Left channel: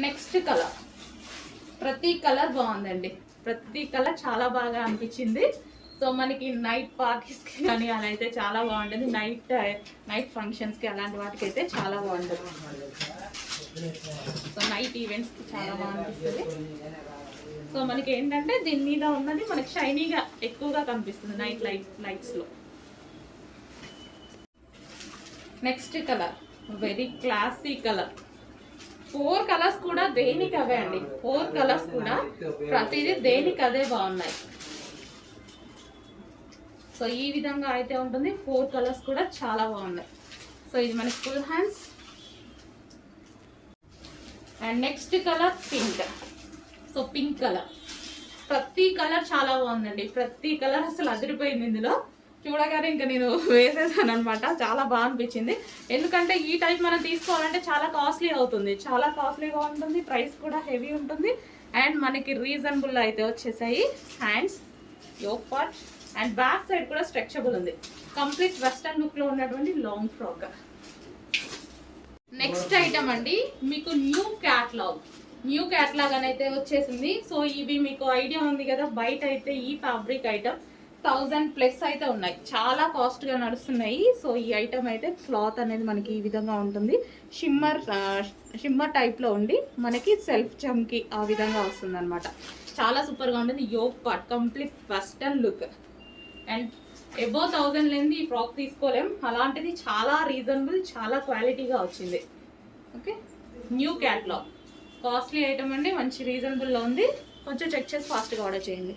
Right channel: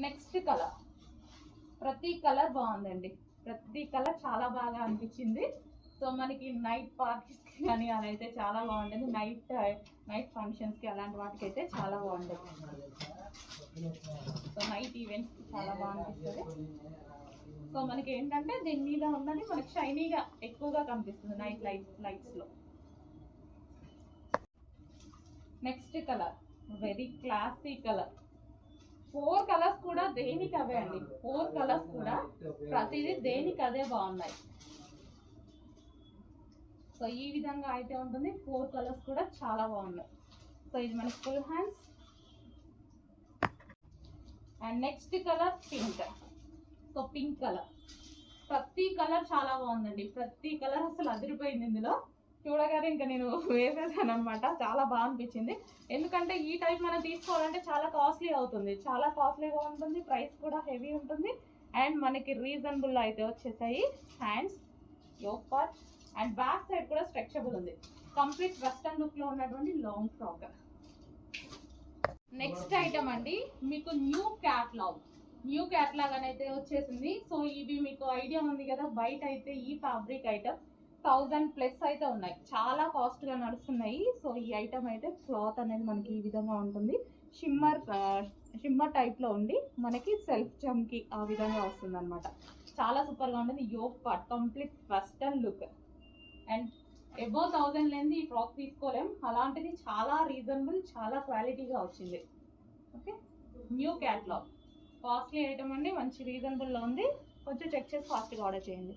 Next colour, ప్రతి colour బాగుందండి, ప్రతి కలర్ చాలా బాగా అనిపించింది. సో మనకి నైట్ పార్టీస్కి కానీ అలా అయితే చాలా బాగుంటుంది, నైట్ ఫంక్షన్స్కి అలాంటి వాటికి అయితే చాలా బాగుంటుంది. సో నైట్ ఈవెంట్స్కి చాలా బాగా అనిపిస్తుంది. సో మనకి ఏంటంటే దీని మీద ఉన్నది మనకి షైనీగా ఎక్కువగా కనిపిస్తుంది నైట్ లైట్స్లో. Next colour very classy colour. 4 colours కూడా దేనికి అవే అండి, 4 కలర్స్ కూడా ప్రతిదీ దేనికి అదే బాగున్నాయి. సో ఈ విధంగా అయితే ఉంటుంది, 4 కలర్స్ కూడా చాలా బాగున్నాయి. సో ఇది మనకి full hands. And next colour pink. So pink colour, ప్రతి కలర్ చాలా బాగుందండి, ప్రతి కలర్ అసలు అదిరిపోయింది. ఇందులో చూడగానే ఇంకా నేను వేసేసాను అనమాట, చాలా బాగా అనిపించింది. ఎందుకంటే ఈ టైప్ మనం తీసుకోవాలంటే చాలా కాస్ట్లీ అవుతుంది, చాలా కాస్ట్లీగా ఉంటుంది, ప్రైస్ కూడా హెవీ ఉంటుంది. అండ్ మనకి రీజనబుల్ అయితే వచ్చేసాయి. Hands, yoke part and back side కూడా స్ట్రెచబుల్ ఉంది. కంప్లీట్ వెస్టర్న్ లుక్లో ఉన్నటువంటి లాంగ్ ఫ్రాక్. నెక్స్ట్ ఐటమ్ అండి, మీకు న్యూ క్యాట్లాగ్ అని అయితే వచ్చేసింది. సో ఇవి మీకు ఐడియా ఉంది కదా, బయట అయితే ఈ ఫ్యాబ్రిక్ ఐటమ్ 1000+ అయితే ఉన్నాయి, చాలా కాస్ట్గా నడుస్తున్నాయి. సో ఈ ఐటమ్ అయితే క్లాత్ అనేది మనకి ఈ విధంగా ఉంటుంది, షిమ్మర్ టైప్లో ఉండి మనకి సెల్ఫ్ చమ్కి ఆ విధంగా వస్తుంది అనమాట. చాలా సూపర్గా ఉంటుంది. Yoke part complete western look. And above 1000 లేనిది ఈ ఫ్రాక్ తీసుకోలేం, అలాంటిది చాలా రీజనబుల్, చాలా క్వాలిటీగా వచ్చింది. Okay, new catalogue, costly item అండి, మంచి రీజనబుల్లో ఉంది. కొంచెం చెక్ చేసి ఫాస్ట్గా ఆర్డర్ చేయండి.